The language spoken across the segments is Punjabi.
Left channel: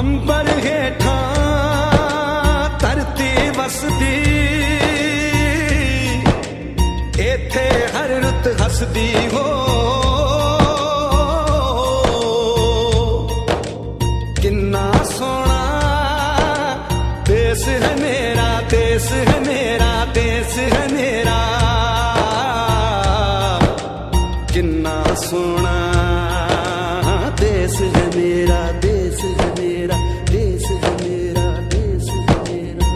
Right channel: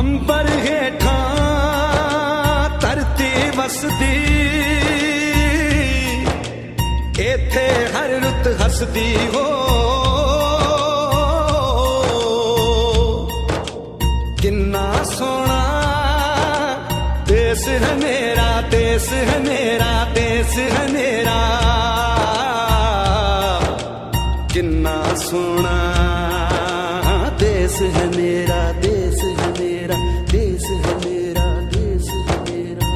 अंबर हेठा धरती वसदी, इथे हर रुत हसदी हो। किन्ना सोना देश है मेरा, देश है मेरा, देश है मेरा। किन्ना सोना देश है मेरा, देश है मेरा, देश है मेरा, देश है मेरा।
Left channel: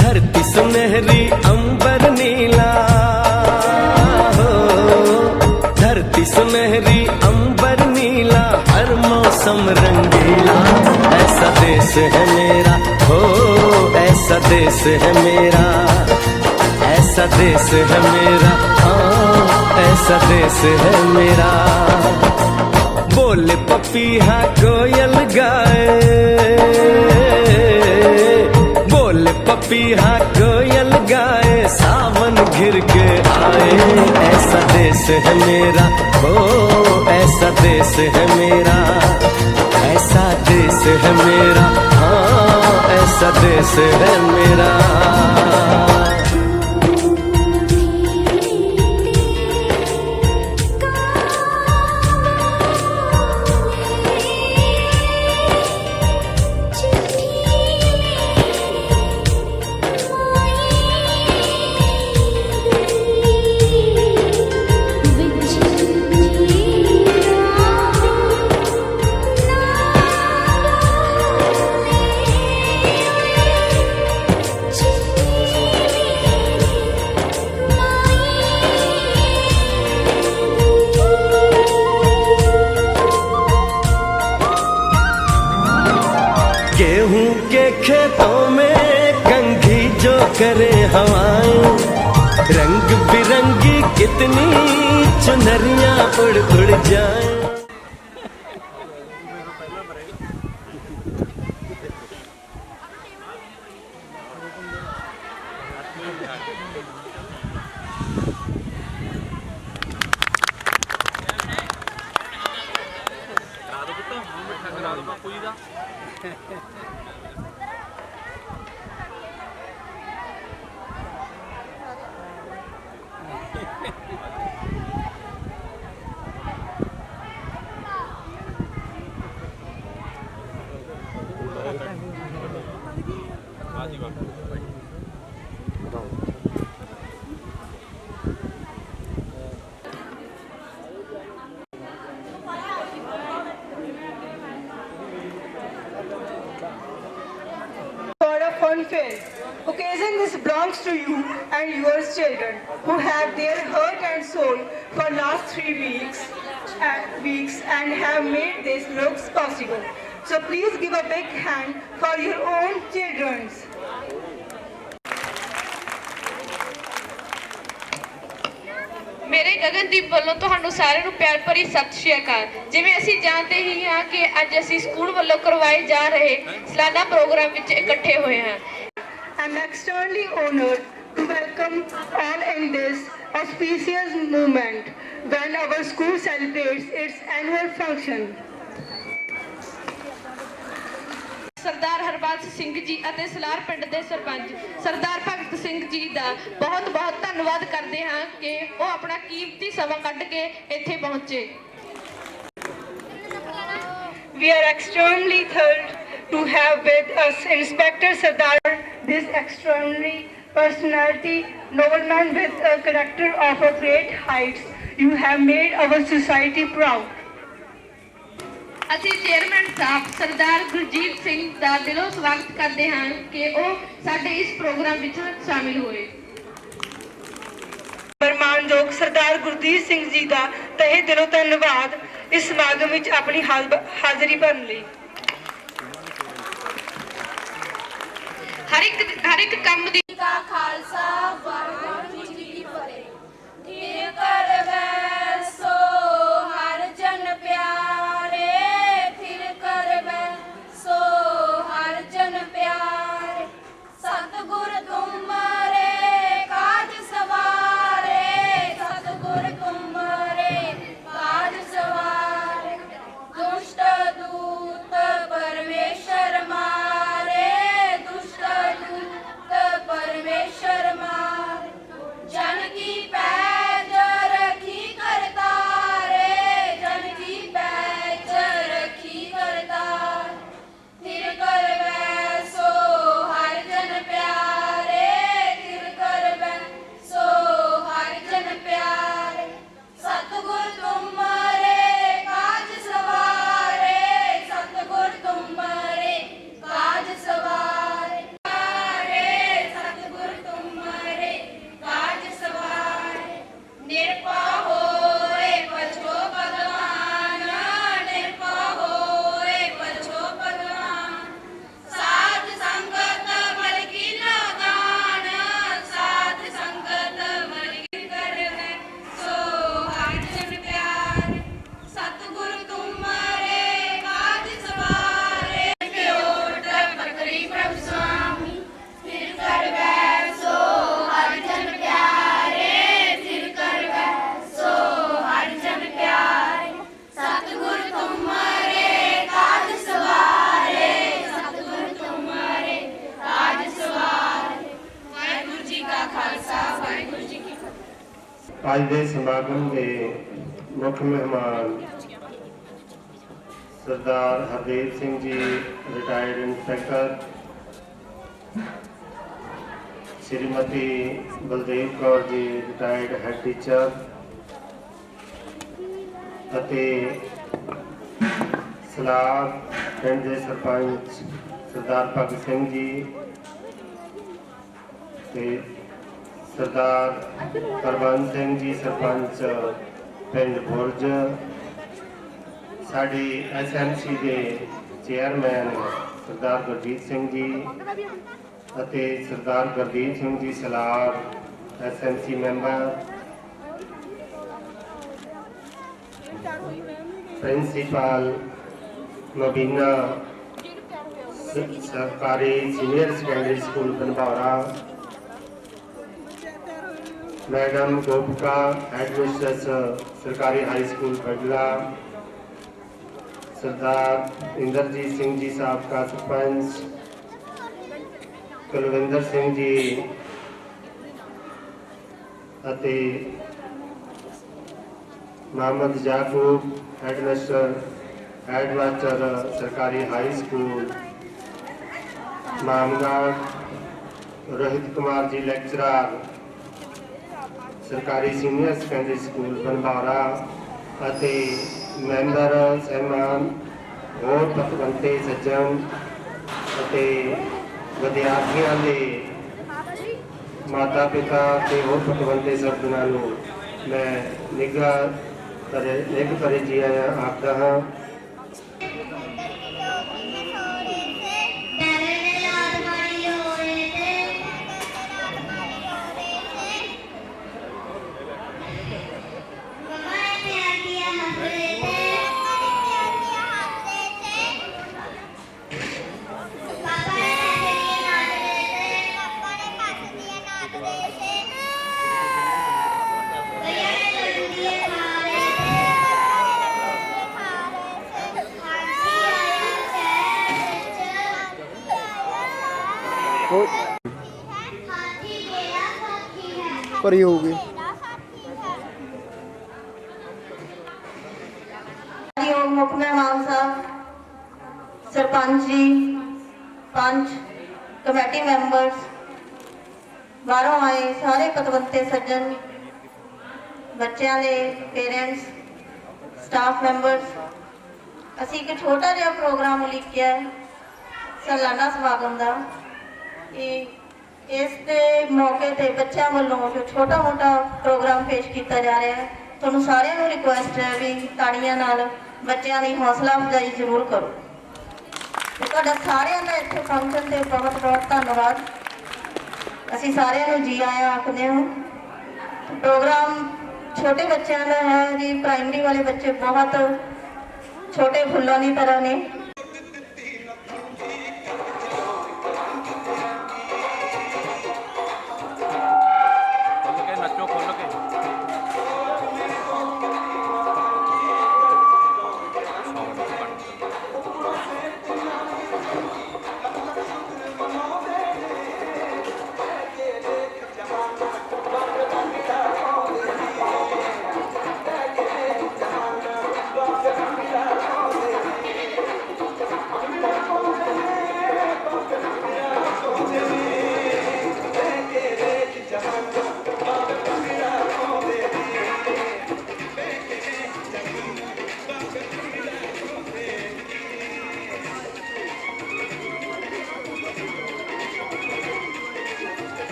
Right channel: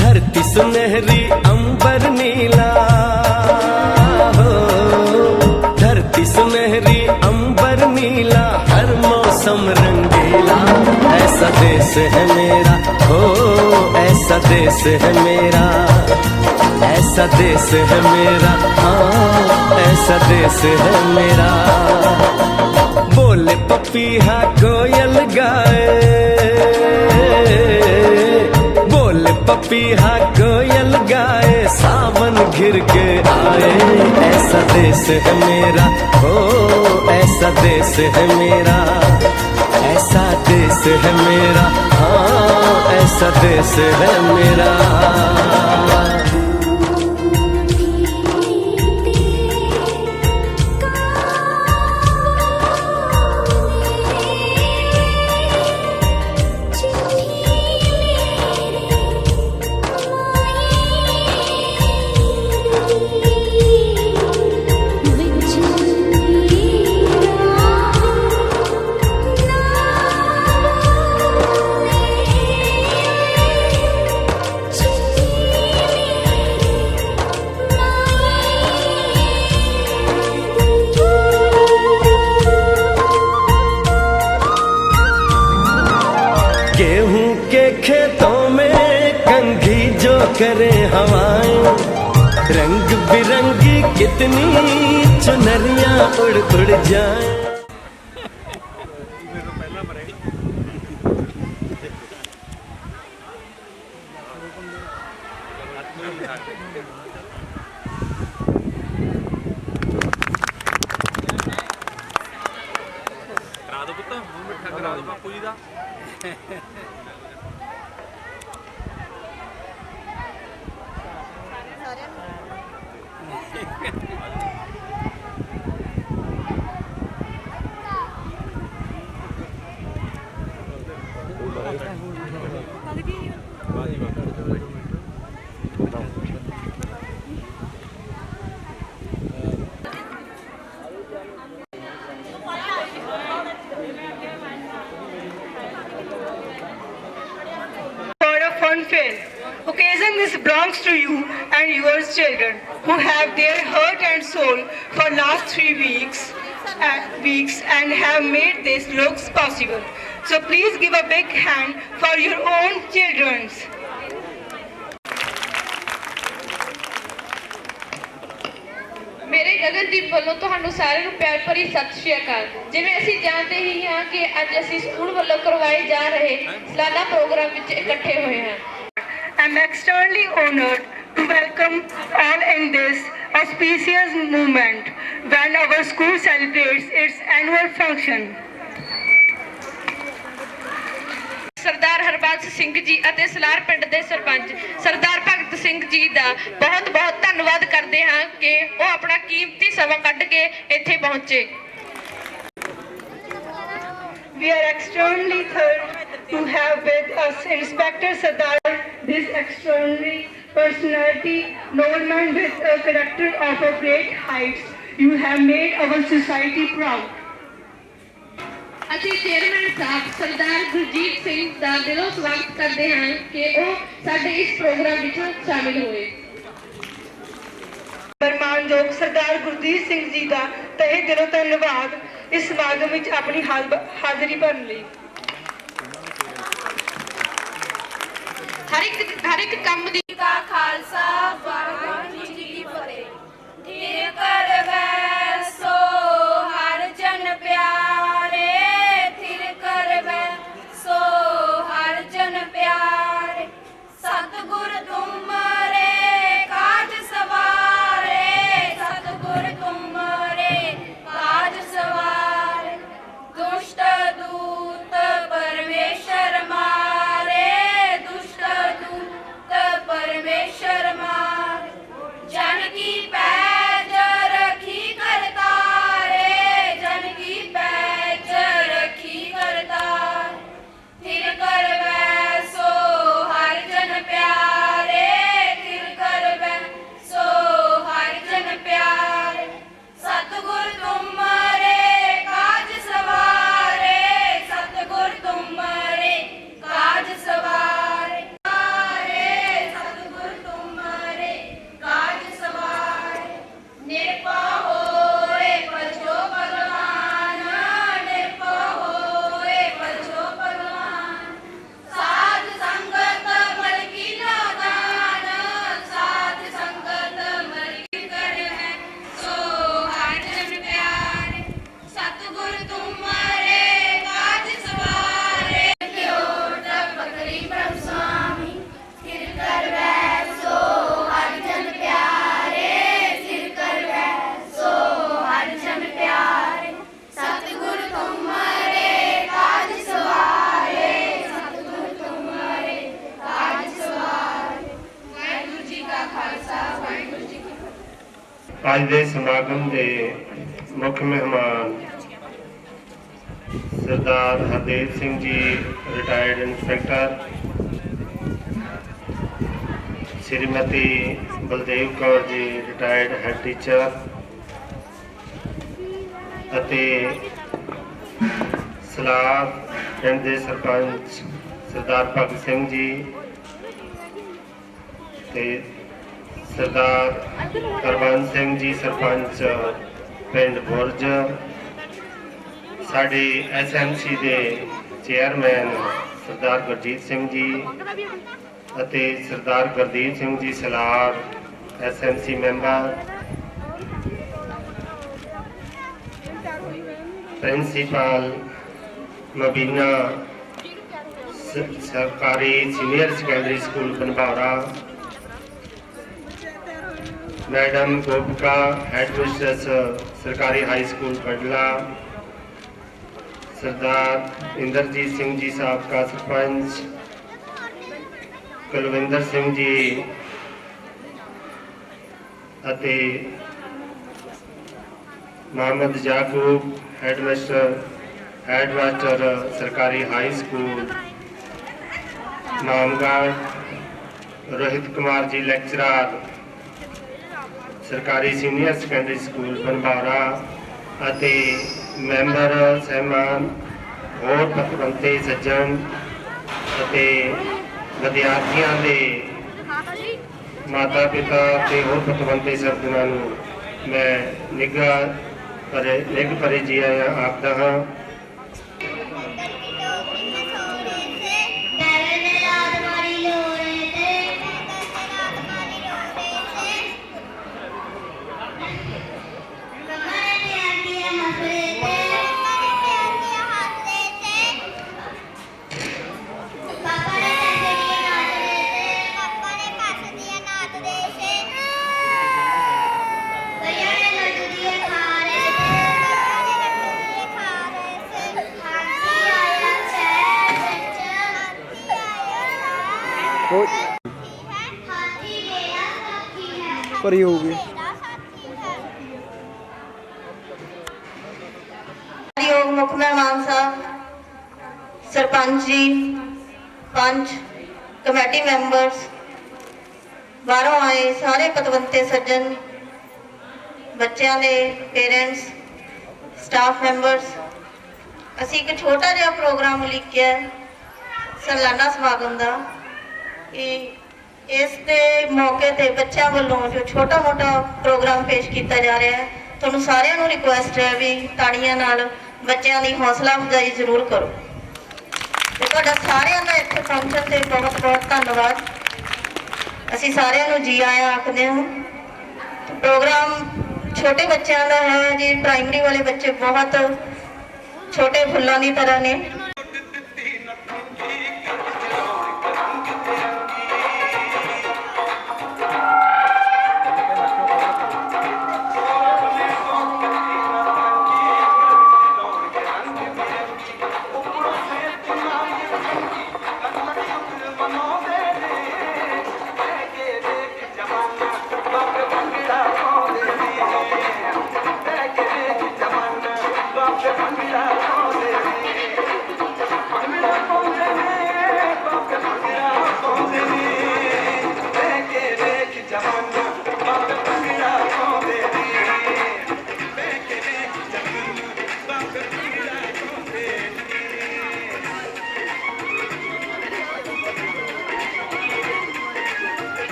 धरती सुनहरी अंबर नीला हो, धरती सुनहरी अंबर नीला, हर मौसम रंगीला। ऐसा देश है मेरा हो, ऐसा देश है मेरा, ऐसा देश है मेरा, हाँ ऐसा देश है मेरा। बोले पपीहा कोयल गाए, बोले पपीहा कोयल गाए, सावन घिर के आए। ऐसा देश है मेरा हो, ऐसा देश है मेरा, ऐसा देश है मेरा, हाँ ऐसा देश है मेरा। गेहूं के खेतों में कंघी जो करे हवाएं, रंग बिरंगी कितनी चुनरियां उड़ उड़ जाएं। करा दो पुत्त, मिठा करा दो बापू जी दा। Fair occasion this belongs to you and your children who have their heart and soul for last 3 weeks and have made this looks possible. So please give a big hand for your own children. मेरे गगनदीप ਵੱਲੋਂ ਤੁਹਾਨੂੰ ਸਾਰਿਆਂ ਨੂੰ ਪਿਆਰ ਭਰੀ ਸਤਿ ਸ਼੍ਰੀ ਅਕਾਲ। ਜਿਵੇਂ ਅਸੀਂ ਜਾਣਦੇ ਹੀ ਹਾਂ ਕਿ ਅੱਜ ਅਸੀਂ ਸਕੂਲ ਵੱਲੋਂ ਕਰਵਾਏ ਜਾ ਰਹੇ ਸਾਲਾਨਾ ਪ੍ਰੋਗਰਾਮ ਵਿੱਚ ਇਕੱਠੇ ਹੋਏ ਹਾਂ। I'm extremely honored to welcome all in this auspicious moment when our school celebrates its annual function. सरदार हरबंस सिंह जी ਅਤੇ ਸਲਾਰ ਪਿੰਡ ਦੇ ਸਰਪੰਚ ਸਰਦਾਰ ਭਗਤ ਸਿੰਘ ਜੀ ਦਾ ਬਹੁਤ ਬਹੁਤ ਧੰਨਵਾਦ ਕਰਦੇ ਹਾਂ ਕਿ ਉਹ ਆਪਣਾ ਕੀਮਤੀ ਸਮਾਂ ਕੱਢ ਕੇ ਇੱਥੇ ਪਹੁੰਚੇ। We are extremely thrilled to have with us Inspector Sardar, this extraordinary personality, nobleman with a character of a great heights. You have made our society proud. ਅਸੀਂ ਚੇਅਰਮੈਨ ਸਾਹਿਬ ਸਰਦਾਰ ਗੁਰਜੀਤ ਸਿੰਘ ਦਾ ਦਿਲੋਂ ਸਵਾਗਤ ਕਰਦੇ ਹਾਂ ਕਿ ਉਹ ਸਾਡੇ ਇਸ ਪ੍ਰੋਗਰਾਮ ਵਿੱਚ ਸ਼ਾਮਿਲ ਹੋਏ। ਮਾਨਯੋਗ ਸਰਦਾਰ ਗੁਰਜੀਤ ਸਿੰਘ ਜੀ ਦਾ ਤਹਿ ਦਿਲੋਂ ਧੰਨਵਾਦ ਇਸ ਸਮਾਗਮ ਵਿੱਚ ਆਪਣੀ ਹਾਜ਼ਰੀ ਭਰਨ ਲਈ। ਹਰ ਇੱਕ ਕੰਮ ਦੀ ਦਾ ਖਾਲਸਾ ਵਾਹਿਗੁਰੂ ਜੀ ਕੀ ਫਤਿਹ। ਠੀਕ ਕਰ ਗਏ ਅੱਜ ਦੇ ਸਮਾਗਮ ਦੇ ਮੁੱਖ ਮਹਿਮਾਨ ਸਰਦਾਰ Hardev Singh ji retired inspector, Shrimati Baldev Kaur ji retired head teacher ਅਤੇ ਸਲਾਦ ਪਿੰਡ ਦੇ ਸਰਪੰਚ ਸਰਦਾਰ ਭਗਤ ਸਿੰਘ ਜੀ ਤੇ ਸਰਦਾਰ ਕਰਵੰਤ ਸਿੰਘ ਜੀ ਸਰਪੰਚ ਪਿੰਡ ਬੁਰਜ, ਸਾਡੇ SMC ਦੇ ਚੇਅਰਮੈਨ ਸਰਦਾਰ ਗੁਰਜੀਤ ਸਿੰਘ ਜੀ ਅਤੇ ਸਰਦਾਰ Gurdeep Singh ji ਸਲਾਰ SMC member, principal ਮਬੀਨਾ सरकारी सीनियर सेकेंडरी स्कूल बनभौरा, मैडम गोपिका हेड मिस्ट्रेस सरकारी हाई स्कूल बडला, सरदार इंद्रजीत सिंह जी साबका सरपंच, कुलविंदर सिंह जी अते मोहम्मद याकूब हेडमास्टर सरकारी high school मामगढ़, Rohit Kumar ji lecturer सरकारी सीनियर सेकेंडरी स्कूल बनभौरा अते मैंबर सहमान होर पतवंते सज्जन अते विद्यार्थियों के माता पिता ते होर पतवंते सज्जनों नूं मैं निग भरे जी आया आखदा हाँ। ਭਰੀ ਹੋਊਗੀ। ਮੁੱਖ ਮਹਿਮਾਨ ਸਾਹਿਬ, ਸਰਪੰਚ ਜੀ, ਪੰਚ, ਕਮੇਟੀ ਮੈਂਬਰਸ, ਬਾਹਰੋਂ ਆਏ ਸਾਰੇ ਪਤਵੰਤੇ ਸੱਜਣ, ਬੱਚਿਆਂ ਦੇ ਪੇਰੈਂਟਸ, ਸਟਾਫ ਮੈਂਬਰਸ, ਅਸੀਂ ਇੱਕ ਛੋਟਾ ਜਿਹਾ ਪ੍ਰੋਗਰਾਮ ਉਲੀਕਿਆ ਸਾਲਾਨਾ ਸਮਾਗਮ ਦਾ ਕਿ ਇਸ ਦੇ ਮੌਕੇ ਤੇ ਬੱਚਿਆਂ ਵੱਲੋਂ ਜੋ ਛੋਟਾ ਮੋਟਾ ਪ੍ਰੋਗਰਾਮ ਪੇਸ਼ ਕੀਤਾ ਜਾ ਰਿਹਾ ਹੈ, ਤੁਹਾਨੂੰ ਸਾਰਿਆਂ ਨੂੰ ਰਿਕੁਐਸਟ ਹੈ ਵੀ ਤਾੜੀਆਂ ਨਾਲ ਬੱਚਿਆਂ ਦੀ ਹੌਸਲਾ ਅਫਜ਼ਾਈ ਜ਼ਰੂਰ ਕਰੋ ਤੇ ਤੁਹਾਡਾ ਸਾਰਿਆਂ ਦਾ ਇੱਥੇ ਪਹੁੰਚਣ ਤੇ ਬਹੁਤ ਬਹੁਤ ਧੰਨਵਾਦ। ਅਸੀਂ ਸਾਰਿਆਂ ਨੂੰ ਜੀ ਆਇਆਂ ਆਖਦੇ ਹਾਂ। ਪ੍ਰੋਗਰਾਮ ਛੋਟੇ ਬੱਚਿਆਂ ਦਾ ਹੈ ਜੀ, ਪ੍ਰਾਇਮਰੀ ਵਾਲੇ ਬੱਚੇ ਬਹੁਤ ਛੋਟੇ ਫੁੱਲਾਂ ਦੀ ਤਰ੍ਹਾਂ ਨੇ।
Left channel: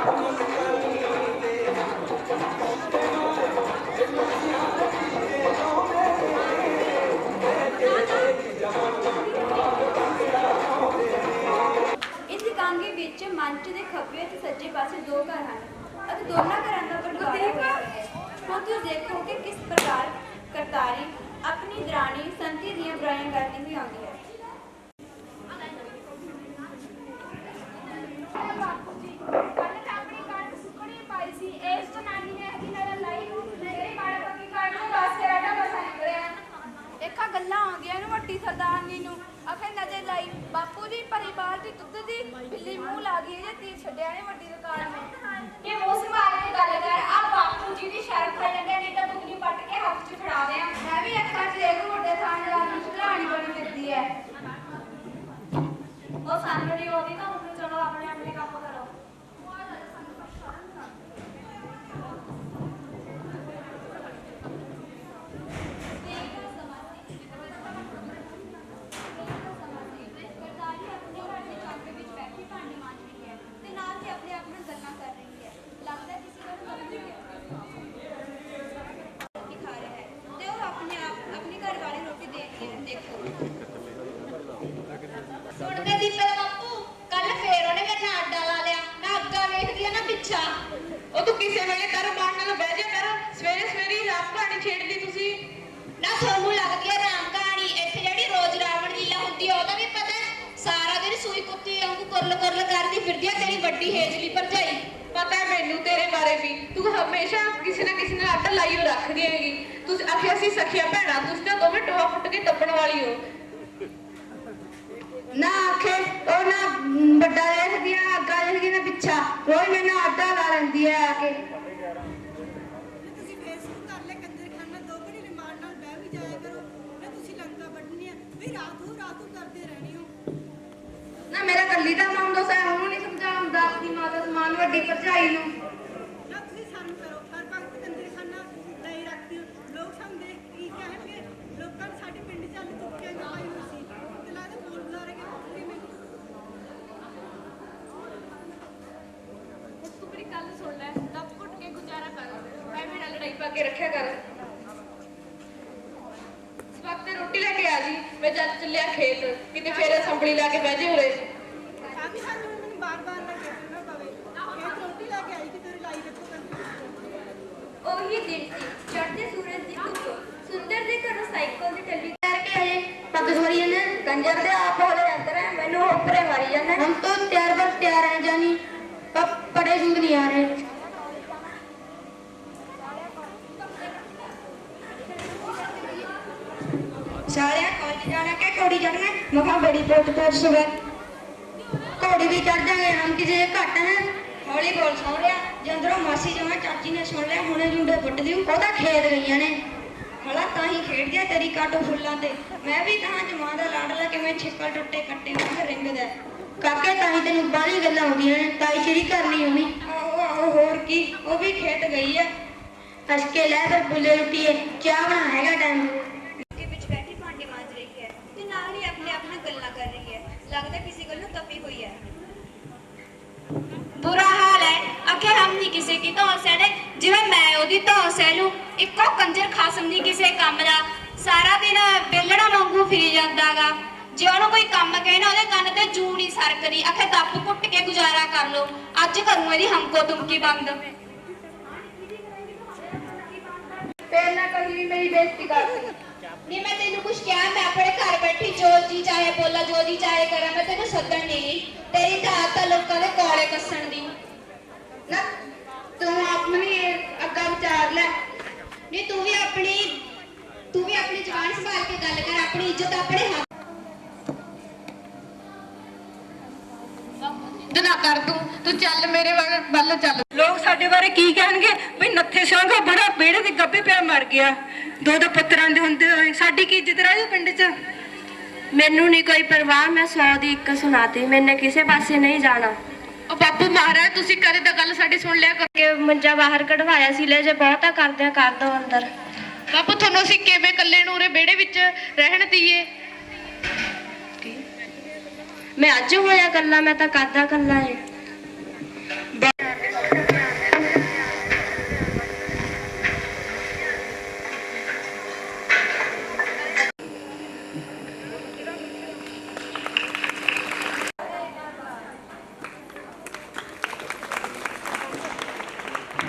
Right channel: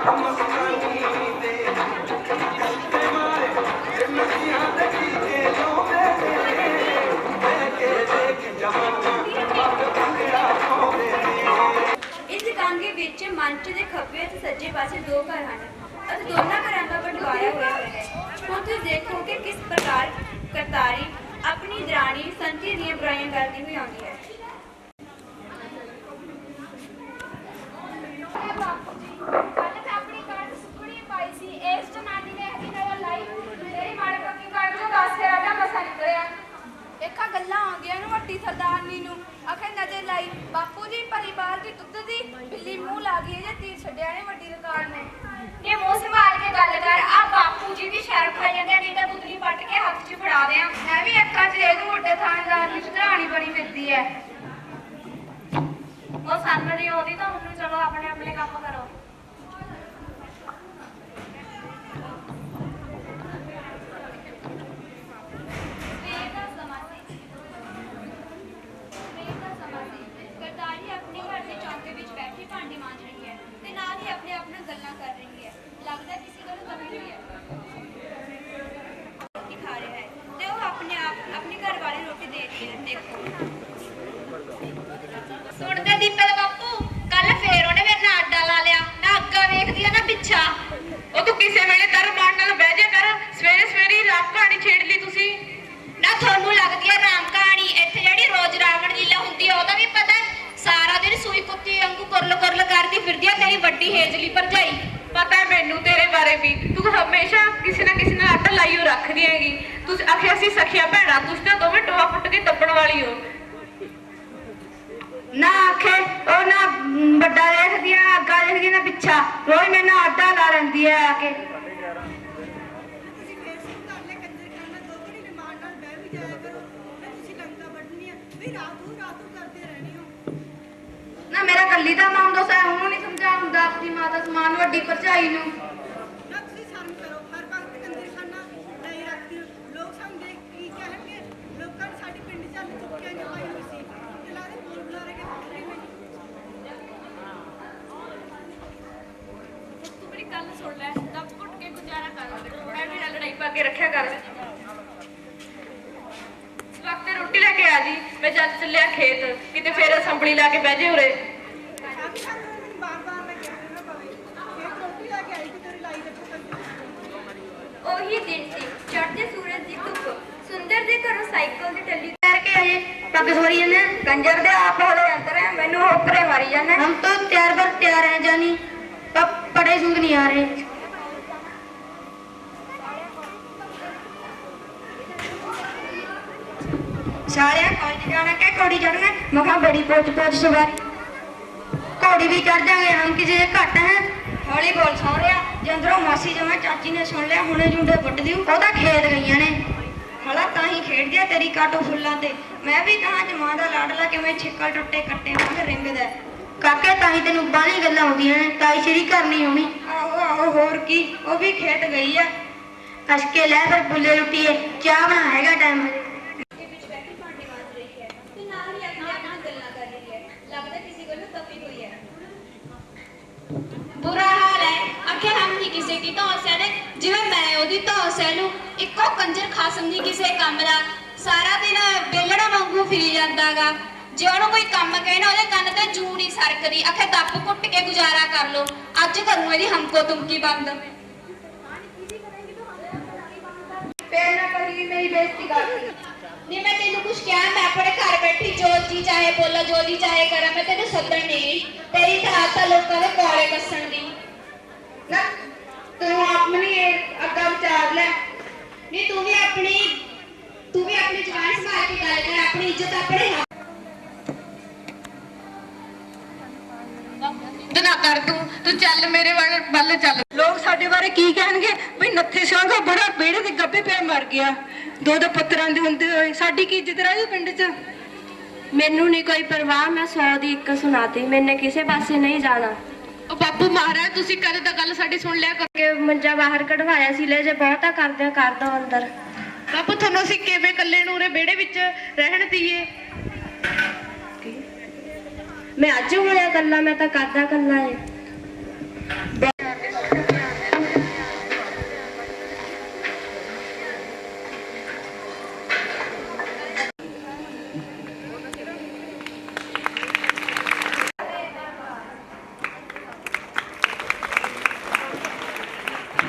ਇਸ ਕਾਂਗੇ ਵਿੱਚ ਮੰਚ ਦੇ ਖੱਬੇ ਅਤੇ ਸੱਜੇ ਪਾਸੇ ਦੋ ਘਰ ਹਨ ਅਤੇ ਦੋਨਾਂ ਘਰਾਂ ਦਾ ਬਟਵਾਰਾ ਹੋਇਆ ਹੋਇਆ ਹੈ। ਹੁਣ ਤੁਸੀਂ ਦੇਖੋ ਕਿ ਕਿਸ ਪ੍ਰਕਾਰ ਕਰਤਾਰੀ ਆਪਣੀ ਦਰਾਣੀ ਸੰਤੀ ਦੀਆਂ ਬੁਰਾਈਆਂ ਕਰਦੀ ਹੋਈ ਆਉਂਦੀ ਹੈ। ਬਾਪੂ ਜੀ ਕੱਲ ਤਾਂ ਆਪਣੀ ਕਣਕ ਸੁੱਕਣੀ ਪਾਈ ਸੀ, ਇਸ ਜਨਾਨੀ ਨੇ ਇਹਦੀ ਨਜ਼ਰ ਲਾਈ, ਮੇਰੀ ਮਾਲਕ ਦੀ ਕਣਕ ਨੂੰ 10 ਆਟਾ ਮਸਾ ਨਿਕਲਿਆ। ਦੇਖਾ ਗੱਲਾਂ ਆਉਂਦੀਆਂ ਨੂੰ ਵੱਡੀ ਸਰਦਾਰਨੀ ਨੂੰ ਆਖੇ ਨਜ਼ਰ ਲਾਈ, ਬਾਪੂ ਜੀ ਭਰੀ ਬਾਲਟੀ ਦੁੱਧ ਦੀ ਬਿੱਲੀ ਮੂੰਹ ਲਾ ਗਈ ਜੇ ਤੀਰ ਛੱਡਿਆ ਨੇ ਵੱਡੀ ਰਿਕਾਰਡ ਨੇ। ਇਹ ਮੂੰਹ ਸੰਭਾਲ ਕੇ ਗੱਲ ਕਰ, ਆ ਬਾਪੂ ਜੀ ਦੀ ਸ਼ਰਮ ਖਾ ਜਾਂਦੇ, ਨਹੀਂ ਤਾਂ ਦੁੱਧਨੀ ਪੱਟ ਕੇ ਹੱਥ 'ਚ ਫੜਾ ਦਿਆਂ। ਮੈਂ ਵੀ ਅੱਖਾਂ 'ਚ ਇਹਨੂੰ ਵੱਡੇ ਥਾਣੇਦਾਰ ਦੀ ਸੁਧਰਾਣੀ ਬਣੀ ਫਿਰਦੀ ਹੈ। ਉਹ ਸਾਨੂੰ ਨਹੀਂ ਆਉਂਦੀ ਤਾਂ ਉਹਨੂੰ ਚਲੋ ਆਪਣੇ ਆਪਣੇ ਕੰਮ ਕਰੋ। ਕਰਤਾਰੀ ਆਪਣੇ ਘਰ ਦੇ ਚੌਂਕੇ ਵਿੱਚ ਬੈਠੀ ਭਾਂਡੇ ਮਾਂਜ ਰਹੀ ਹੈ ਤੇ ਨਾਲ ਹੀ ਆਪਣੇ ਆਪ ਨਾਲ ਗੱਲਾਂ ਕਰ ਰਹੀ ਹੈ। ਲੱਗਦਾ ਕਿਸੇ ਕੋਲ ਕਮੀ ਹੋਈ ਹੈ। ਰੋਟੀ ਖਾ ਰਿਹਾ ਹੈ ਤੇ ਉਹ ਆਪਣੀ ਘਰ ਵਾਲੀ ਰੋਟੀ ਦੇ ਰਹੀ ਹੈ। ਦੇਖੋ ਸੁਣਦੇ ਦੀਪਕ ਬਾਪੂ, ਕੱਲ ਫੇਰ ਉਹਨੇ ਮੇਰੇ ਨਾਲ ਅੱਡਾ ਲਾ ਲਿਆ, ਨਾ ਅੱਗਾ ਵੇਖਦੀ ਆ ਨਾ ਪਿੱਛਾ। ਉਹ ਤੂੰ ਕਿਸੇ ਵੇਲੇ ਦਰ ਮਾਰਨ ਨਾਲ ਬਹਿ ਜਾ ਕਰ, ਸਵੇਰੇ ਸਵੇਰੇ ਰਾਤ ਕਹਾਣੀ ਛੇੜ ਲਈ ਤੁਸੀਂ। ਨਾ ਤੁਹਾਨੂੰ ਲੱਗਦੀ ਹੈ ਰਾਮ ਕਹਾਣੀ, ਇੱਥੇ ਜਿਹੜੀ ਰੋਜ਼ ਰਾਵਣ ਲੀਲਾ ਹੁੰਦੀ ਆ ਉਹਦਾ ਵੀ ਪਤਾ ਹੈ? ਸਾਰਾ ਦਿਨ ਸੂਈ ਕੁੱਤੀ ਵਾਂਗੂ ਕੁਰਲ ਕੁਰਲ ਕਰਦੀ ਫਿਰਦੀ ਆ ਤੇਰੀ ਵੱਡੀ ਹੇਜਲੀ ਭਰਜਾਈ। ਪਤਾ ਹੈ ਮੈਨੂੰ ਤੇਰੇ ਬਾਰੇ ਵੀ, ਤੂੰ ਹਮੇਸ਼ਾ ਕਿਸੇ ਨਾ ਕਿਸੇ ਨਾਲ ਅੱਡ ਲਾਈ ਹੋ ਰੱਖਦੀ ਹੈਗੀ। ਤੁਸੀਂ ਆਖਿਆ ਸੀ ਸਖੀਆ ਭੈਣਾ, ਤੁਸੀਂ ਤਾਂ ਦੋਵੇਂ ਟੋਆ ਫੁੱਟ ਕੇ ਟੱਪਣ ਵਾਲੀ ਹੋ। ਨਾ ਆਖੇ ਉਹ ਨਾ ਵੱਡਾ ਦੇਖਦੀ ਆ, ਅੱਗਾ ਦੇਖਦੀ ਨਾ ਪਿੱਛਾ, ਰੋਜ਼ ਮੇਰੇ ਨਾਲ ਅੱਡਾ ਲਾ ਲੈਂਦੀ ਹੈ ਆ ਕੇ। ਤੁਸੀਂ ਫੇਸਬੁੱਕ ਕਰ ਲੈ ਕੰਜਰਖਾਨਾ, ਦੋ ਘੜੀ ਨਿਮਾਨ ਨਾਲ ਬਹਿ ਵੀ ਜਾਇਆ ਕਰੋ। ਮੈਂ ਤੁਸੀਂ ਲੰਕਾ ਵੱਢਣੀ ਹੈ ਵੀ ਰਾਤ ਨੂੰ ਕਰਦੇ ਰਹਿਣੀ ਹੋ। ਨਾ ਮੇਰਾ ਕੱਲੀ ਦਾ ਨਾਮ ਦੋਸਾ ਉਹਨੂੰ ਨਹੀਂ ਸਮਝਾਉਂਦਾ ਆਪਣੀ ਮਾਤਾ ਸਮਾਨ ਵੱਡੀ ਭਰਜਾਈ ਨੂੰ। ਨਾ ਤੁਸੀਂ ਸ਼ਰਮ ਕਰੋ, ਹਰ ਵਕਤ ਕੰਜਰਖਾਨਾ ਲਈ ਰੱਖਦੀ ਹੋ। ਲੋਕ ਸਾਨੂੰ ਦੇਖ ਕੀ ਕਹਿਣਗੇ? ਲੋਕਾਂ ਨੇ ਸਾਡੇ ਪਿੰਡ ਚੱਲ ਚੁੱਕਿਆ ਨਹੀਂ ਪਾਈ ਹੋਈ ਸੀ ਤੇ ਲੱਗਦਾ ਬੋਲ ਬੁਲਾ ਰਹੇ ਕਿ ਮੈਨੂੰ। ਤੂੰ ਮੇਰੀ ਗੱਲ ਸੁਣ ਲੈ, ਦੱਬ ਘੁੱਟ ਕੇ ਗੁਜ਼ਾਰਾ ਕਰ, ਐਵੇਂ ਨਾ ਲੜਾਈ ਪਾ ਕੇ ਰੱਖਿਆ ਕਰ। ਇਸ ਵਕਤ ਰੋਟੀ ਲੈ ਕੇ ਆ ਜੀ, ਮੈਂ ਜਦ ਚੱਲਿਆ ਖੇਤ, ਕਿਤੇ ਫੇਰ ਅਸੰਭਲੀ ਲਾ ਕੇ ਬਹਿ ਜੇ ਉਰੇ। ਸਾਡੀ ਸਾਨੂੰ ਮੈਨੂੰ ਬਾਰ-ਬਾਰ ਲੱਗਿਆ ਨਾ ਪਵੇ। ਇਹ ਰੋਟੀ ਲੈ ਕੇ ਆਈ ਕਿ ਤੇਰੀ ਲਾਈ ਰੱਖੋ ਕੰਜਰਖਾਨਾ। ਉਹੀ ਦਿਨ ਸੀ, ਚੜ੍ਹਦੇ ਸੂਰਜ ਦੀ ਧੁੱਪ, ਸੁੰਦਰ ਦੇ ਘਰੋਂ ਸਾਈਕਲ ਤੇ ਟੱਲੀ ਕੇ ਆਏ ਪੱਗ ਸਵਾਰੀ ਨੇ ਕੰਜਰ ਦੇ ਆਪ ਹੋਲੇ ਅੰਦਰ ਹੈ, ਮੈਨੂੰ ਹੋਕਰੇ ਮਾਰੀ ਜਾਂਦੇ। हम तो तैयार पर तैयार हैं जानी, पर पड़े सूद नहीं आ रहे। सारे कॉलेज जाना क्या घोड़ी चढ़ना? मखा बड़ी पोच सवारी घोड़ी भी चढ़ जाएंगे, हम किसी घट है। हौली बोल सौ रहा जंदरों मासी जमा चाची ने सुन लिया, हुणे जुंडे पुट दी ओदा खेत गई ने हला ਤਾਂ ਹੀ ਖੇਡਦੀ ਆ ਤੇਰੀ ਕਾਟੋ ਫੁੱਲਾਂ ਤੇ। ਮੈਂ ਵੀ ਤਾਂ ਜਮਾਂ ਦਾ ਲਾਡਲਾ ਕਿਵੇਂ ਛਿੱਕਲ ਟੁੱਟੇ ਕੱਟੇ ਨਾਲ ਰਿੰਗਦਾ ਕਾਕੇ, ਤਾਂ ਹੀ ਤੈਨੂੰ ਬਾਹਲੀ ਗੱਲਾਂ ਆਉਂਦੀਆਂ ਨੇ। ਤਾਈ ਤੇਰੀ ਘਰ ਨਹੀਂ ਆਉਣੀ। ਆਹੋ ਆਹੋ ਹੋਰ ਕੀ, ਉਹ ਵੀ ਖੇਤ ਗਈ ਆ। ਕਸ ਕੇ ਲੈ ਫਿਰ ਬੁੱਲੇ ਲੁੱਟੀਏ, ਚਾਹ ਬਣਾ ਹੈਗਾ ਟਾਈਮ ਕੇ ਵਿੱਚ ਬੈਠੀ ਭਾਂਡੇ ਮਾਂਜ ਰਹੀ ਹੈ ਤੇ ਨਾਲ ਹੀ ਆਪਣੇ ਆਪ ਨਾਲ ਗੱਲਾਂ ਕਰ ਰਹੀ ਹੈ। ਲੱਗਦਾ ਕਿਸੇ ਕੋਲੋਂ ਤਪੀ ਹੋਈ ਹੈ। बुरा हाल है, आखिर हम नहीं किसी की तो सह जिवें मैं ओदी तो सह लूं। इको कंजर खासम नहीं किसी काम दा, सारा दिन बेलड़ा वांगू फिरी जांदागा। जे ओनू कोई काम कहना ओदे कंन ते जू नहीं सरकदी, आखे दप घुट के गुजारा कर लो। अज करूं इहदी हमको तुमकी बंद। ਫੇਰ ਨਾ ਕਰੀ ਮੇਰੀ ਬੇਇੱਜ਼ਤੀ ਕਰਦੀ। नहीं मैं तेनू कुछ क्या, मैं अपने घर बैठी जो जी चाहे बोला, जो जी चाहे करा, मैं तेनू सदन नहीं गई। तेरी दात तो लोगों के कोले कसन दी ਨਾ ਤੂੰ ਆਪਣੀ ਅੱਗਾ ਵਿਚਾਰ ਲੈ। नहीं तू भी अपनी जुबान संभाल के गल कर, अपनी इज्जत अपने हाथ ਨਾ ਕਰ, ਤੂੰ ਚੱਲ ਮੇਰੇ ਵੱਲ ਚੱਲ। ਲੋਕ ਸਾਡੇ ਬਾਰੇ ਕੀ ਕਹਿਣਗੇ? ਵੀ ਨੱਥੇ ਸਿੰਘ ਦਾ ਬੜਾ ਬੇੜੇ ਦੇ ਗੱਬੇ ਪਿਆ ਮਰ ਗਿਆ। ਦੋ ਪੁੱਤਰਾਂ ਦੇ ਹੁੰਦੇ ਹੋਏ ਸਾਡੀ ਕੀ ਇੱਜ਼ਤ ਰਹਿ ਜੂ ਪਿੰਡ 'ਚ? ਮੈਨੂੰ ਨਹੀਂ ਕੋਈ ਪਰਵਾਹ, ਮੈਂ 100 ਦੀ ਇੱਕ ਸੁਣਾਤੀ, ਮੈਨੇ ਕਿਸੇ ਪਾਸੇ ਨਹੀਂ ਜਾਣਾ। ਉਹ ਬਾਪੂ ਮਹਾਰਾਜ, ਤੁਸੀਂ ਕਦੇ ਤਾਂ ਗੱਲ ਸਾਡੀ ਸੁਣ ਲਿਆ ਕਰੋ। ਕਿ ਮੰਜਾ ਬਾਹਰ ਕਢਵਾਇਆ ਸੀ, ਲੈ ਜੇ ਬਹੁਤਾ ਕਰਦੇ ਕਰ ਦੋ ਅੰਦਰ। ਬਾਪੂ ਤੁਹਾਨੂੰ ਅਸੀਂ ਕਿਵੇਂ ਇਕੱਲੇ ਨੂੰ ਉਰੇ ਵਿਹੜੇ ਵਿੱਚ ਰਹਿਣ ਦਈਏ? ਮੈਂ ਅੱਜ ਹੋਇਆ ਕੱਲਾ, ਮੈਂ ਤਾਂ ਕਰਦਾ ਕੱਲਾ ਏ।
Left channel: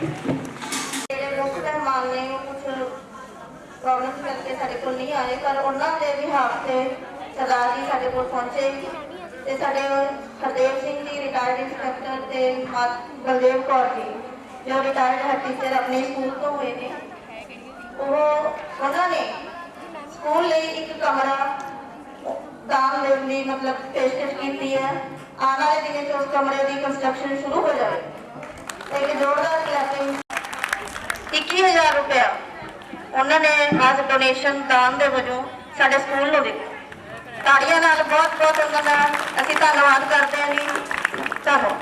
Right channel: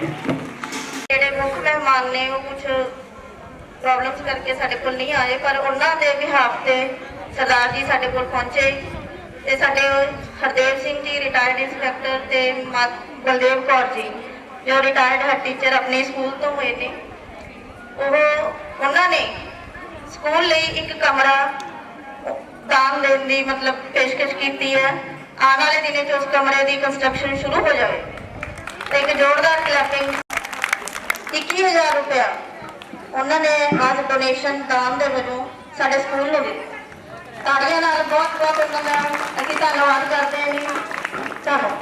ਜਿਹੜੇ ਮੁੱਖ ਮਹਿਮਾਨ ਨੇ ਉਹ ਕੁਝ ਪ੍ਰੋਬਲਮਸ ਕਰਕੇ ਸਾਡੇ ਕੋਲ ਨਹੀਂ ਆਏ, ਪਰ ਉਹਨਾਂ ਦੇ ਬਿਹਾਫ ਤੇ ਸਰਦਾਰ ਜੀ ਸਾਡੇ ਕੋਲ ਪਹੁੰਚੇ ਤੇ ਸਾਡੇ ਹਰਦੇਵ ਸਿੰਘ ਜੀ ਰਿਟਾਇਰਡ ਇੰਸਪੈਕਟਰ ਤੇ ਬਲਦੇਵ ਕੌਰ ਜੀ ਜੋ ਰਿਟਾਇਰਡ ਹੈਡ ਟੀਚਰ ਆਪਣੇ ਸਕੂਲ ਤੋਂ ਹੋਏ ਨੇ, ਉਹਨਾਂ ਨੇ ਸਕੂਲ ਲਈ ਇੱਕ ਕਮਰਾ ਦਾਨ ਦੇਣ ਦੀ ਮਤਲਬ ਪੇਸ਼ਕਸ਼ ਕੀਤੀ ਹੈ। ਆਉਣ ਵਾਲੇ ਦਿਨਾਂ 'ਚ ਉਸ ਕਮਰੇ ਦੀ ਕੰਸਟਰਕਸ਼ਨ ਸ਼ੁਰੂ ਹੋ ਜਾਵੇ ਤੇ ਇੱਕ ਜ਼ੋਰਦਾਰ ਕਲੈਪਿੰਗ 21,000 ਰੁਪਇਆ ਉਹਨਾਂ ਨੇ ਅੱਜ ਡੋਨੇਸ਼ਨ ਦਾਨ ਦੇ ਵਜੋਂ ਸਾਡੇ ਸਕੂਲ ਨੂੰ ਦਿੱਤਾ। ਤਾੜੀਆਂ ਨਾਲ ਬਹੁਤ ਬਹੁਤ ਉਹਨਾਂ ਦਾ ਅਸੀਂ ਧੰਨਵਾਦ ਕਰਦੇ ਹਾਂ ਜੀ। ਧੰਨਵਾਦ।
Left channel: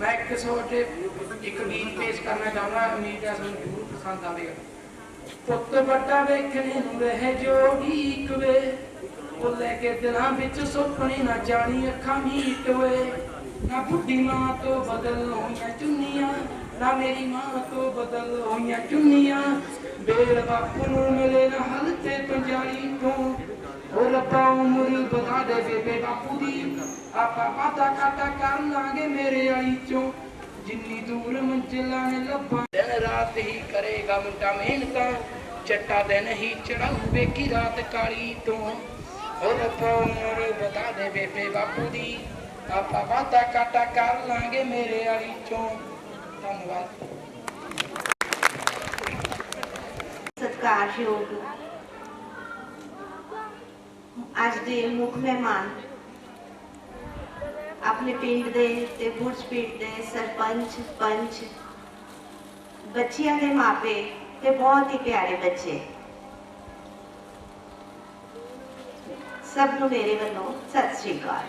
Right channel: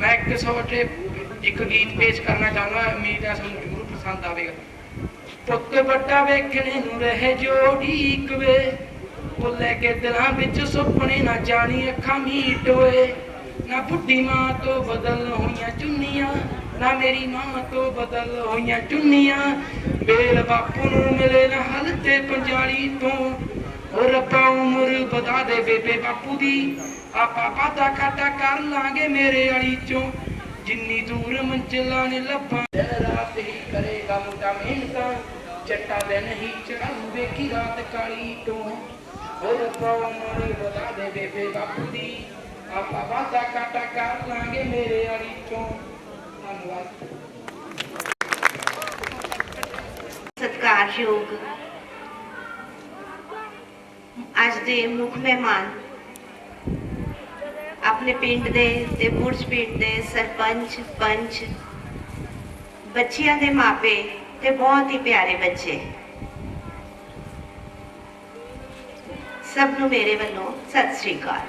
मैं एक छोटे एक गीत पेश करना चाहूँगा, उम्मीद है सुन जरूर पसंद आएगा। पुत बड़ा वेखने नूं रहे जोड़ी वे, वो लैके दिलां विच सुपने ना जानी अखां मीट वे। ना बुढ़ी मां तो बदल होइयां चुन्नियां, ना मेरी मां तो बदल होइयां चुन्नियां। बेल बापू नूं मिले ना हलते 45 तो, और रब्बा उम्र बधा दे बेबे बापू दी। आपा वादा खाता कर लांगे मेरे वाली चों, जिन्नी दूर मंजिला ने लब्भा। रात ही करेगा मुंडा मेहनता, चट्टा दिन ही चढ़ाऊ वेखी रात काली तो, और रब्बा उम्र बधा दे बेबे बापू दी। आपा वादा खाता कर लांगे मेरे वाली चों। धन्यवाद। सत्कारयोग ਅੱਜ ਦੇ ਮੁੱਖ ਮਹਿਮਾਨ ਆਪਣੇ ਪਿੰਡ ਦੇ ਤੇ ਬੁਰਜ ਪਿੰਡ ਦੇ ਸਰਪੰਚ ਪੰਚ, ਬੱਚਿਆਂ ਦੇ ਮਾਪੇ ਤੇ ਬਹੁਤ ਹੀ ਪਿਆਰੇ ਬੱਚੇ, ਸਭ ਨੂੰ ਮੇਰੇ ਵੱਲੋਂ ਸਤਿ ਸ੍ਰੀ ਅਕਾਲ।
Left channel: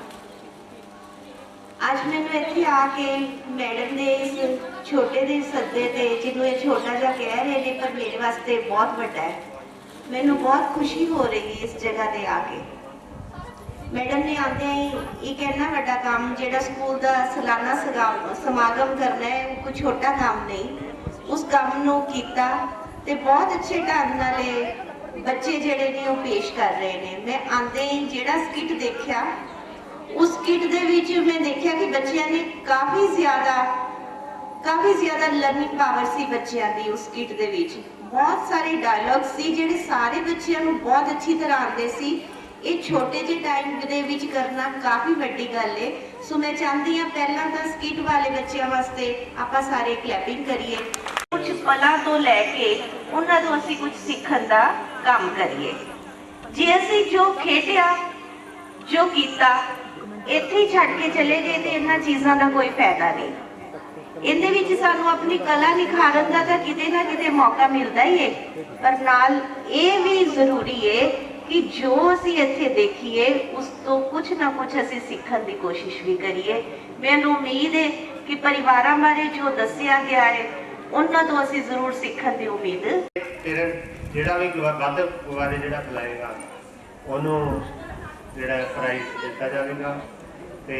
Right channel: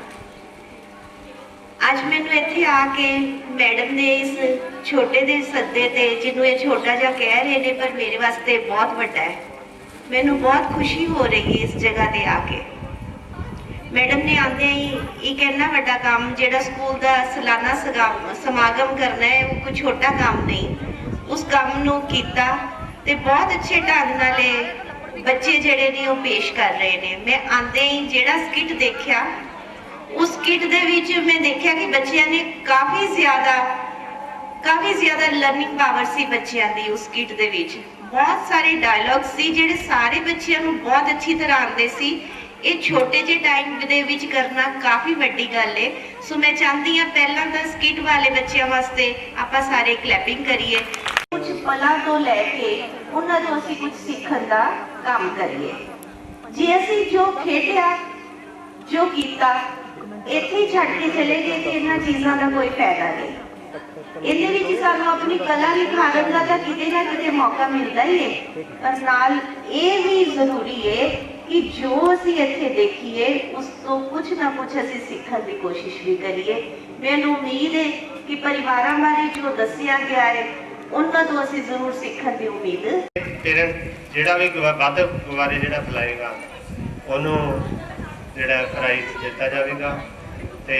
ਅੱਜ ਮੈਨੂੰ ਇੱਥੇ ਆ ਕੇ ਮੈਡਮ ਨੇ ਇਸ ਛੋਟੇ ਦੇ ਸੱਦੇ ਤੇ, ਜਿਹਨੂੰ ਇਹ ਛੋਟਾ ਜਿਹਾ ਕਹਿ ਰਹੇ ਨੇ ਪਰ ਮੇਰੇ ਵਾਸਤੇ ਬਹੁਤ ਵੱਡਾ ਹੈ, ਮੈਨੂੰ ਬਹੁਤ ਖੁਸ਼ੀ ਹੋ ਰਹੀ ਹੈ ਇਸ ਜਗ੍ਹਾ ਤੇ ਆ ਕੇ। ਮੈਡਮ ਨੇ ਆਉਂਦੇ ਹੀ ਇੱਕ ਇੰਨਾ ਵੱਡਾ ਕੰਮ, ਜਿਹੜਾ ਸਕੂਲ ਦਾ ਸਾਲਾਨਾ ਸਮਾਗਮ ਕਰਨਾ ਹੈ, ਉਹ ਕੋਈ ਛੋਟਾ ਕੰਮ ਨਹੀਂ, ਉਸ ਕੰਮ ਨੂੰ ਕੀਤਾ ਤੇ ਬਹੁਤ ਅੱਛੇ ਢੰਗ ਨਾਲ ਇਹ ਬੱਚੇ ਜਿਹੜੇ ਨੇ ਉਹ ਪੇਸ਼ ਕਰ ਰਹੇ ਨੇ। ਮੈਂ ਆਉਂਦੇ ਹੀ ਜਿਹੜਾ ਸਕਿੱਟ ਦੇਖਿਆ, ਉਸ ਸਕਿੱਟ ਦੇ ਵਿੱਚ ਮੈਂ ਦੇਖਿਆ ਕਿ ਬੱਚਿਆਂ ਨੇ ਕਾਫੀ ਜ਼ਿਆਦਾ ਲਰਨਿੰਗ ਪਾਵਰ ਸੀ ਬੱਚਿਆਂ ਦੀ। ਉਸ ਸਕਿੱਟ ਦੇ ਵਿੱਚ ਬਹੁਤ ਸਾਰੇ ਡਾਇਲੌਗ ਸੀ ਜਿਹੜੇ ਸਾਰੇ ਬੱਚਿਆਂ ਨੂੰ ਬਹੁਤ ਅੱਛੀ ਤਰ੍ਹਾਂ ਆਉਂਦੇ ਸੀ। ਇਹ ਛੋਟੇ ਜਿਹੇ ਟਾਈਮ ਦੇ ਵਿੱਚ ਕਰਨਾ ਕਾਫੀ ਵੱਡੀ ਗੱਲ ਹੈ। ਸੋ ਮੈਂ ਚਾਹੁੰਦੀ ਹਾਂ ਪਹਿਲਾਂ ਤਾਂ ਸਕਿੱਟ ਵਾਲੇ ਬੱਚਿਆਂ ਵਾਸਤੇ ਆਪਾਂ ਸਾਰੇ ਕਲੈਪਿੰਗ ਕਰੀਏ, ਕੁਝ ਪਲਾਂ ਤੋਂ ਲੈ ਕੇ ਉਹਨਾਂ ਤੋਂ ਅਸੀਂ ਕੁਝ ਸਿੱਖਣ ਦਾ ਕੰਮ ਕਰੀਏ। ਜੇ ਅਸੀਂ ਜੋ ਖੇਡਿਆ, ਜੋ ਕੀਤਾ, ਇੱਥੇ ਹੀ ਛੱਡ ਕੇ ਚਲੇ ਗਏ ਤੇ ਇਹਨਾਂ ਚੀਜ਼ਾਂ ਦਾ ਕੋਈ ਫਾਇਦਾ ਨਹੀਂ। ਇਹਦੇ ਵਿੱਚ ਸਾਨੂੰ ਆਪਣੀ ਕਲਾ ਨਿਖਾਰਨ ਦਾ ਤਾਂ ਕਿਤੇ ਨਾ ਕਿਤੇ ਮੌਕਾ ਮਿਲਦਾ ਹੀ ਹੈ, ਪਰ ਨਾਲ ਇਹ ਵੀ ਜ਼ਰੂਰੀ ਹੈ ਕਿ ਜੋ ਅਸੀਂ ਇੱਥੇ ਦੇਖੀਏ ਉਸ ਤੋਂ ਕੁਝ ਨਾ ਕੁਝ ਅਸੀਂ ਸਿੱਖਣ ਦੀ ਕੋਸ਼ਿਸ਼ ਵੀ ਕਰੀਏ। ਮੈਨੂੰ ਉਮੀਦ ਹੈ ਕਿ ਪਰਿਵਾਰਾਂ ਬਾਰੇ ਜੋ ਦੱਸਿਆ ਗਿਆ ਹੈ ਉਹਨਾਂ ਤੋਂ ਅਸੀਂ ਜ਼ਰੂਰ ਸਿੱਖਣ ਦੀ ਉਮੀਦ। ਜਿਹੜਾ ਵੀ ਵੱਧ ਗੁਬਾਰੇ ਜਿਹੜਾ ਫੈਲਾਏਗਾ ਉਹਨੂੰ ਜਿਹੜਾ ਪ੍ਰਾਈਜ਼ ਦਿੱਤਾ ਜਾਵੇਗਾ। ਤੇ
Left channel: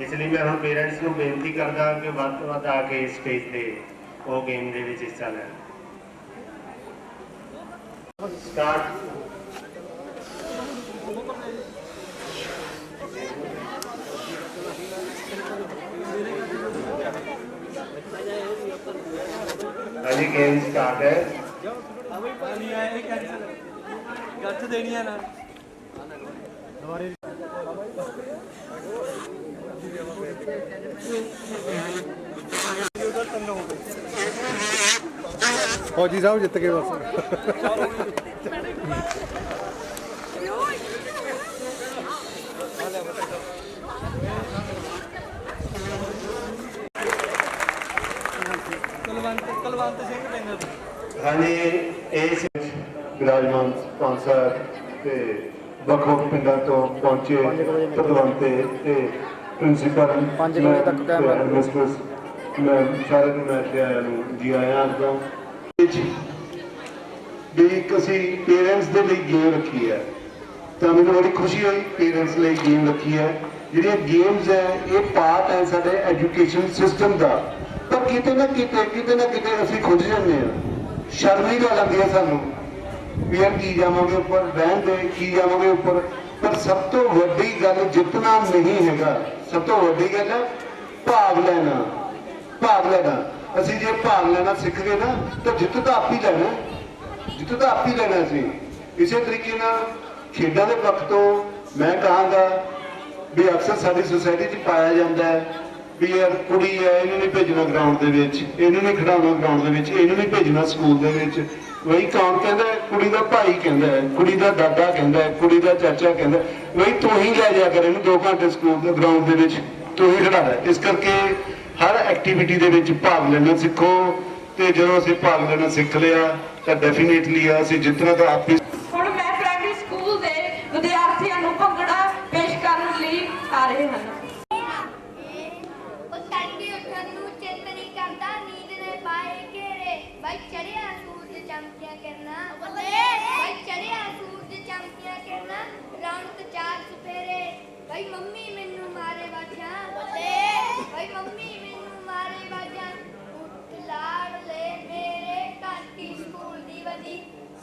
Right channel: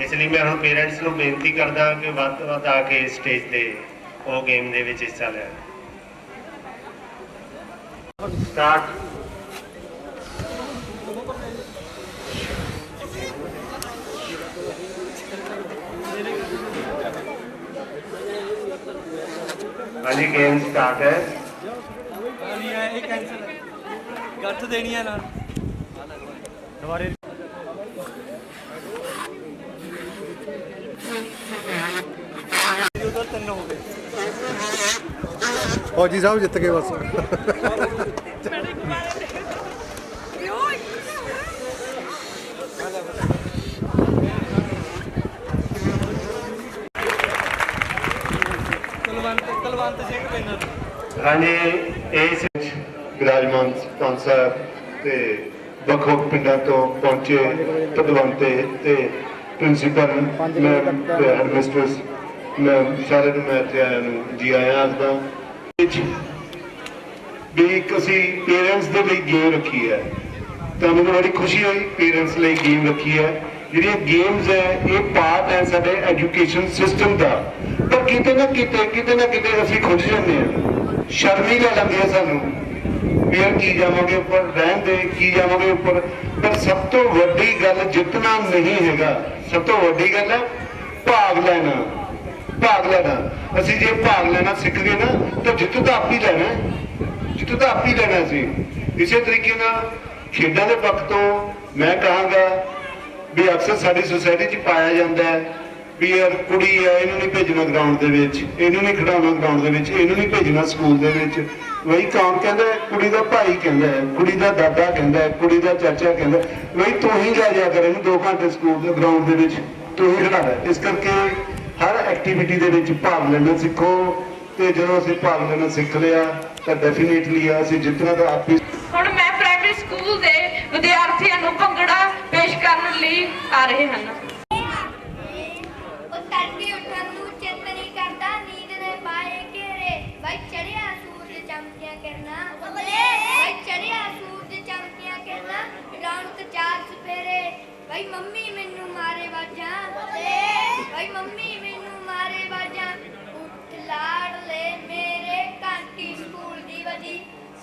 ਇਸ ਲਈ ਮੈਂ ਹੁਣ ਪੇਰੈਂਟਸ ਨੂੰ ਬੇਨਤੀ ਕਰਦਾ ਕਿ ਵੱਧ ਤੋਂ ਵੱਧ ਆ ਕੇ ਸਟੇਜ ਤੇ ਉਹ ਗੇਮ ਦੇ ਵਿੱਚ ਹਿੱਸਾ ਲੈਣ। ਸਟਾਰਟ। ਹਾਂਜੀ ਗੇਮ ਸਟਾਰਟ ਹੈ। ਗੱਠ ਦੇਣੀ ਆ ਨਾਲ ਦੁਬਾਰੇ। ਉਧਰ ਤਿੰਨ ਹੋ ਗਏ। ਫੌਜੀ ਸਾਹਿਬ ਜਿੱਤ ਗਏ ਬਸ। ਕੁਲਵੰਤ ਸਿੰਘ ਵਿਨਰ। ਹਾਂਜੀ, ਇਸ ਵਿੱਚ ਵਿਰਾਜਮਾਨ ਪੰਜ ਸਾਹਿਬ ਤੇ ਵੱਖ-ਵੱਖ ਪਿੰਡਾਂ ਤੋਂ ਪਹੁੰਚੇ ਪਦਵੰਤੇ ਤੇ ਪ੍ਰਿੰਸੀਪਲ ਤੇ ਹੈਡਮਿਸਟਰਸ, ਮੈਂ ਸਾਰਿਆਂ ਨੂੰ ਮੈਂ ਇੱਥੇ ਆਇਆਂ ਨੂੰ ਜੀ ਆਇਆਂ ਆਖਦਾ। ਵੀ ਇੱਕ ਅਸੀਂ ਪੇਰੈਂਟਸ ਦੇ ਲਈ ਗੇਮ ਰੱਖੀ ਹੈ, ਤਾਂ ਮੈਨੂੰ ਬੜੀ ਖੁਸ਼ੀ ਹੋਈ। ਪੇਰੈਂਟਸ ਲਈ ਗੇਮ ਰੱਖੀ ਹੈ। ਜਿਹੜੀਆਂ ਗੇਮਸ ਹੈ ਇਹ ਪਾਰਟ ਹੈ ਸਾਡੇ ਐਜੂਕੇਸ਼ਨ ਸਿਸਟਮ ਦਾ, ਪਰ ਕਿਤੇ ਨਾ ਕਿਤੇ ਅਸੀਂ ਖੁੰਝ ਜਾਂਦੇ ਹਾਂ, ਸ਼ਰਮ ਹੀ ਲੈ ਲੈਂਦੀ ਹੈ ਸਾਨੂੰ ਵੀ ਯਾਰ ਕੀ ਜਾਵਾਂਗੇ ਉੱਪਰ, ਰਹਿਣ ਦੇ ਕੀ ਜਾਵਾਂਗੇ ਉੱਪਰ। ਪਰ ਸਭ ਤੋਂ ਵੱਡੀ ਗੱਲ ਜਿੱਤਣਾ ਨਹੀਂ ਹੈਗਾ, ਸਭ ਤੋਂ ਵੱਡੀ ਗੱਲ ਹੈ ਭਾਗ ਲੈਣਾ। ਭਾਗ ਲੈਣਾ, ਅਸੀਂ ਜੇ ਭਾਗ ਲੈਣਾ ਸਿੱਖ ਗਏ ਨਾ ਤਾਂ ਜਿੱਤ ਤਾਂ ਆਪ ਹੀ ਲੈਣਾ, ਜਿੱਤ ਤਾਂ ਆਪ ਹੀ ਲੈਣਾ। ਅਸੀਂ ਇਸੇ ਤਰੀਕੇ ਨਾਲ ਖੇਡਾਂ ਦੇ ਪੱਖ ਤੋਂ ਮੈਂ ਕਹਾਂਗਾ ਵੀ ਅਕਸਰ ਸਾਡੀ ਸੁਸਾਇਟੀ 'ਚ ਪਾਇਆ ਜਾਂਦਾ ਹੈ ਵੀ ਯਾਰ ਕੁੜੀ ਹੈ ਇਹਨੂੰ ਨਹੀਂ ਭੇਜਣਾ ਗਰਾਊਂਡ ਦੇ ਵਿੱਚ, ਇਹਨੂੰ ਨਹੀਂ ਖਿਡਾਉਣਾ ਗਰਾਊਂਡ ਦੇ ਵਿੱਚ, ਇਹਨੂੰ ਨਹੀਂ ਭੇਜਣਾ ਸਕੂਲ ਦੇ ਵਿੱਚ। ਵਹੀ ਕੌਣ ਕਹਿੰਦਾ? ਕੁੜੀ ਦਾ ਭਾਈ ਕਹਿੰਦਾ ਹੈ, ਕੁੜੀ ਦਾ ਦਾਦਾ ਕਹਿੰਦਾ ਹੈ, ਕੁੜੀ ਦਾ ਚਾਚਾ ਕਹਿੰਦਾ ਵਹੀ ਤੂੰ ਹੀ ਲੈ ਜਾ ਕਰ ਇਹਨੂੰ 2 ਘੰਟੇ ਸਕੂਲ ਦੇ ਗਰਾਊਂਡ ਦੇ ਵਿੱਚ, ਤੂੰ ਹੀ ਖਿਡਾ ਲੈ। ਇਸ ਕਰਕੇ ਹਰ ਐਕਟੀਵਿਟੀ ਦੇ ਵਿੱਚ ਭਾਗ ਲੈਣਾ ਸਿੱਖੋ, ਤੇ ਜਦੋਂ ਅਸੀਂ ਭਾਗ ਲੈਣਾ ਸਿੱਖ ਲਿਆ ਤਾਂ ਡੈਫੀਨੇਟਲੀ ਅਸੀਂ ਜਿੱਤਣਾ ਤਾਂ ਆਪ ਹੀ। ਹੁਣ ਮੈਂ ਪ੍ਰਾਇਮਰੀ ਸਕੂਲ ਦੇ ਵਿਦਿਆਰਥੀਆਂ ਨੂੰ ਭੰਗੜਾ ਪੇਸ਼ ਕਰਨ ਲਈ ਆ ਰਹੇ ਹਨ। ਉਹ ਤੜਕੇ ਉੱਠਣ ਨੂੰ ਚਿੱਤ ਨਹੀਂ ਕਰਦਾ, ਨੀਂਦ ਨੇ ਪਾਏ ਘੇਰੇ, ਬਾਈ ਚੜਿਆ ਸੂਰਜ ਚਮਕੀਆਂ ਕਿਰਨਾਂ, ਬਾਈ ਚੜਿਆ ਸੂਰਜ ਚਮਕੀਆਂ ਕਿਰਨਾਂ, ਰੌਣਕ 4 ਚੁਫੇਰੇ, ਬਾਈ ਮੰਮੀ ਮੈਨੂੰ ਮਾਰੇ ਵਾਜਾਂ, ਬਾਈ ਮੰਮੀ ਮੈਨੂੰ ਮਾਰੇ ਵਾਜਾਂ, ਉੱਠ ਲਾਡਲੇ ਮੇਰੇ ਘੰਟੀ ਸਕੂਲ ਦੀ ਵਜੀ,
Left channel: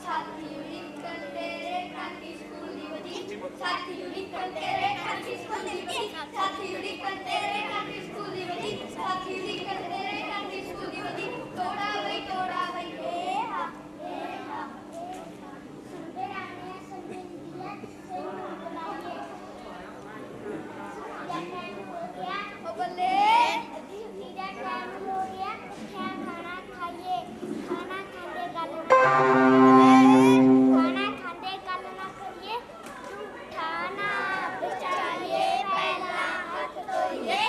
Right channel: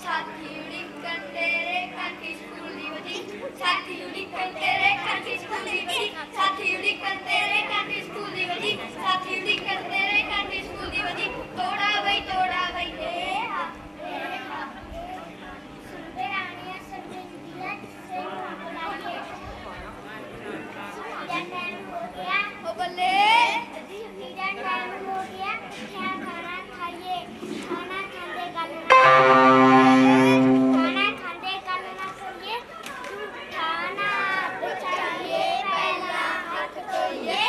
ਸਾਥੀ ਉਡੀਕਣ ਤੇਰੇ ਘੰਟੀ ਸਕੂਲ ਦੀ ਵਜੀ, ਸਾਥੀ ਉਡੀਕਣ ਤੇਰੇ ਘੰਟੀ ਸਕੂਲ ਦੀ ਵਜੀ, ਸਾਥੀ ਉਡੀਕਣ ਤੇਰੇ ਘੰਟੀ ਸਕੂਲ ਦੀ ਵਜੀ, ਸਾਥੀ ਉਡੀਕਣ ਤੇਰੇ ਘੰਟੀ ਸਕੂਲ ਦੀ ਵਜੀ, ਤੋੜਾ ਬਈ ਏ ਹਾ ਸੁਣਦੇ ਰਾਣੀਆਂ ਸਰਬਿੰਦੀਆਂ ਸੇ ਬੁਲਾਈਏ ਜਾਂ ਟਾਈਮ ਹੋ ਗਿਆ ਉਹ ਬੱਲੇ ਅੱਧੀ ਛੁੱਟੀ ਦਾ ਟਾਈਮ ਹੋ ਗਿਆ, ਕਿਆ ਖਾਣਾ ਖਾਈਏ, ਖਾਣਾ ਖਾਂਦੇ ਗੱਲ ਨਾ ਖਾਣਾ ਖਾਂਦੇ ਗੱਲ ਨਾ ਕਰੀਏ, ਖਾਣਾ ਬਚਾਈਏ ਪਹਿਲਾਂ ਹੱਥ ਧੋਈਏ,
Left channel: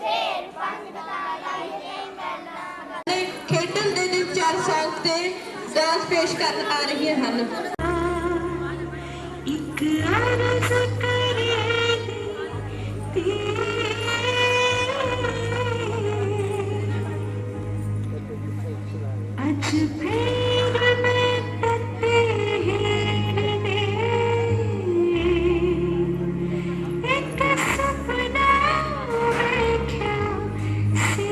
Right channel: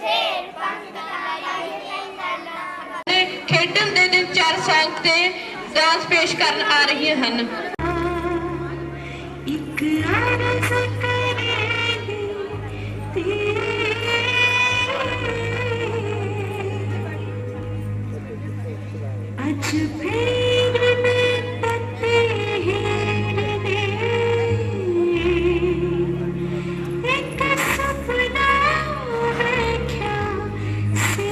ਫੇਰ ਪੰਜ ਲਾਈਏ ਗੱਲਾਂ। ਖੇਡਣ ਦੇ ਦਿਨ 4 ਸੌਂਗ ਤੇ ਡਾਂਸ ਪੇਸ਼ ਕਰਨ ਆ ਰਹੀਆਂ ਹਨ। ਇੱਕ ਆਰਜ਼ ਕਰੇਗੀ ਅੱਜ ਫੇਰ ਮੈਂ ਪੱਤੇ ਹੀਰ ਦੇ, ਇੱਕ ਸੁਪਨਾ ਵੇਖਿਆ ਸੀ,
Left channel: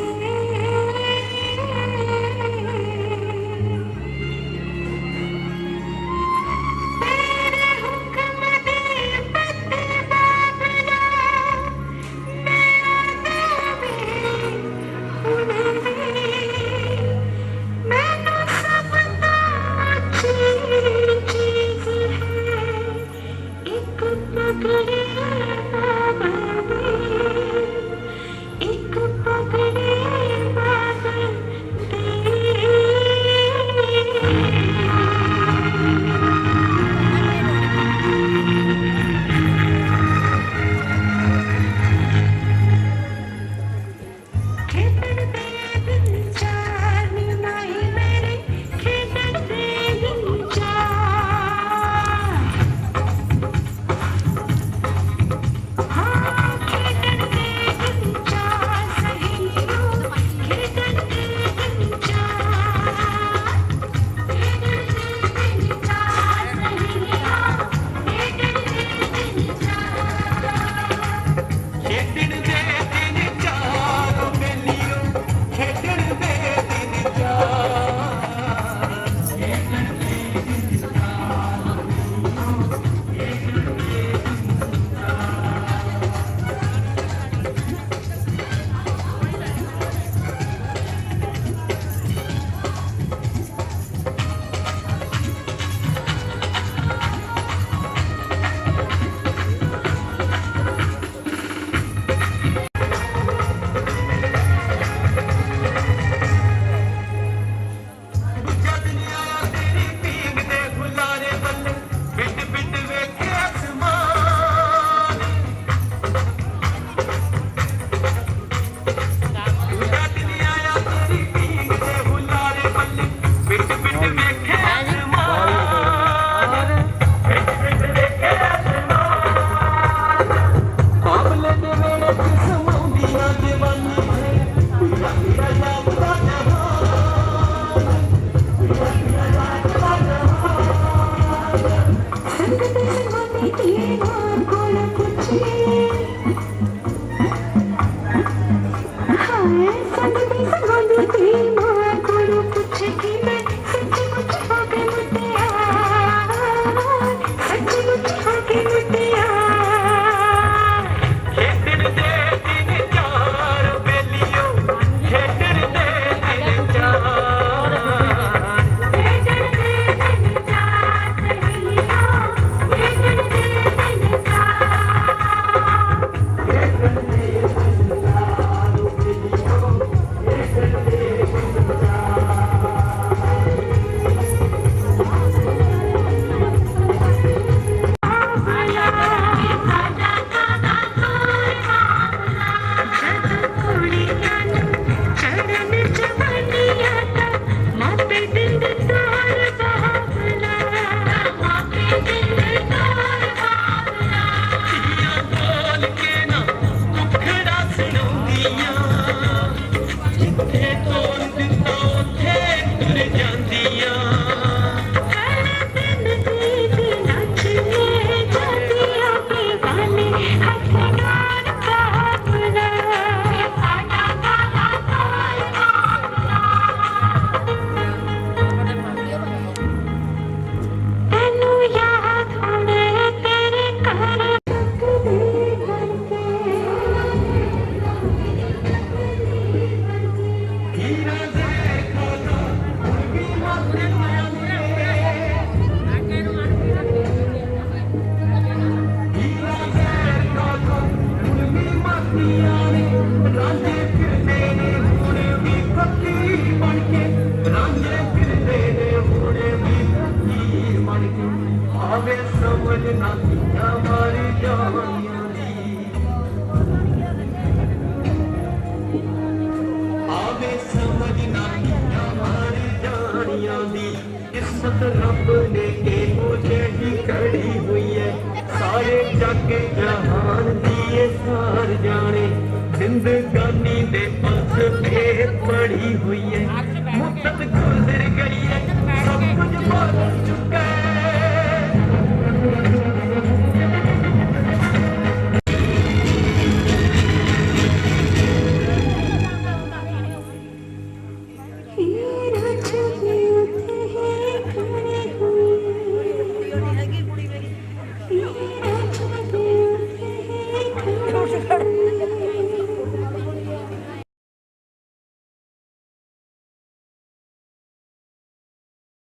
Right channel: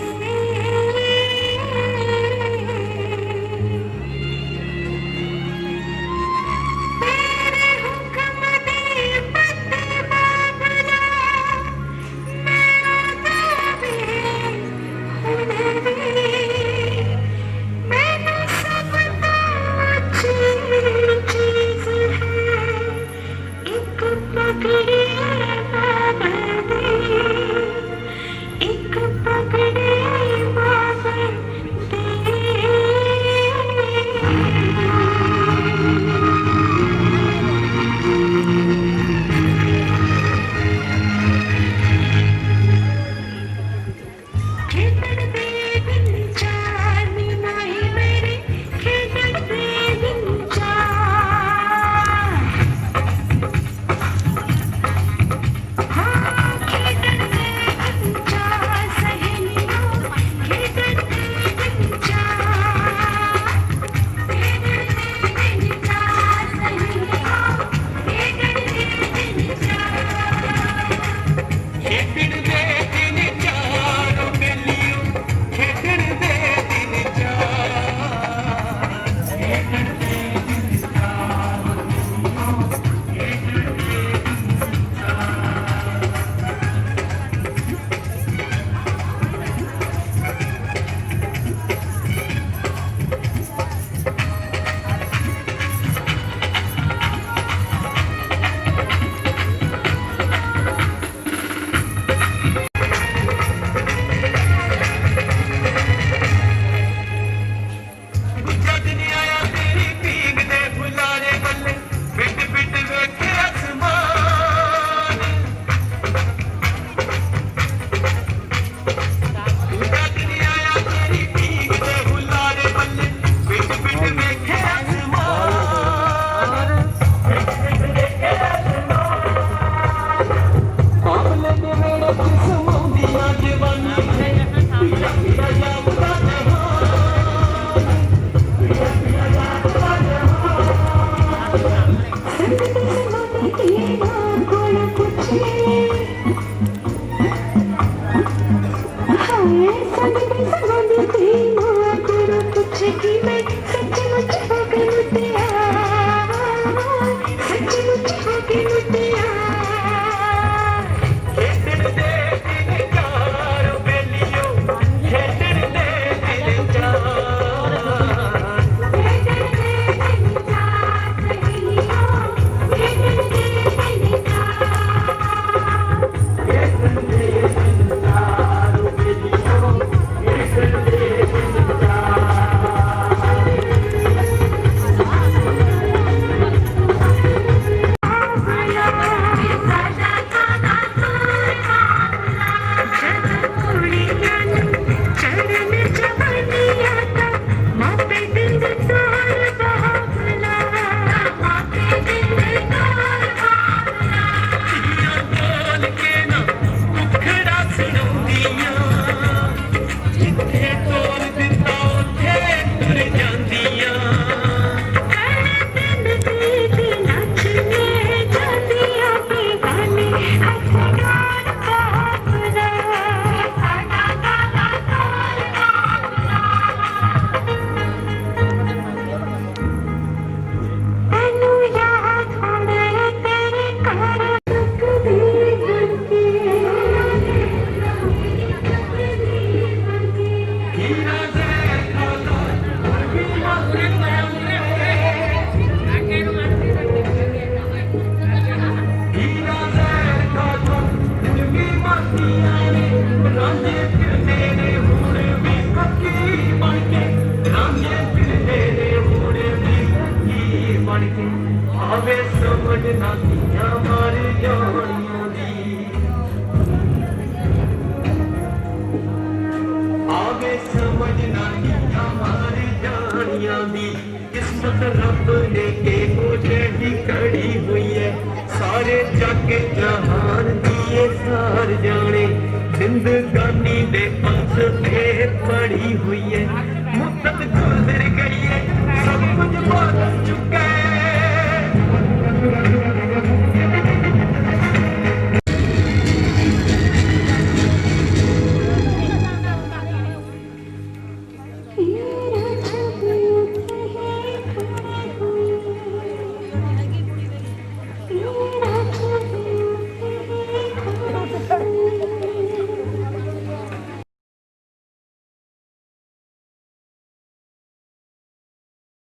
ਤੇਰੇ ਹੁਕਮ ਦੀ ਪੱਤੇ ਬਾਬਲਾ, ਮੇਰਾ ਨਾਮ ਹੁਣ ਵੀ ਮੈਨੂੰ ਸਭ समझ ना किया मारी जानियों दी आवे समझ ना किया मारी जानियों दी किस्मत रब ने के मुझे ही खड़ी हुई है सारे जग जहान दिए सार जाने जिंदगानी दे पंथ पे पड़ी हुई है मुद्दत गुजर गई है सब कुछ बदल चुका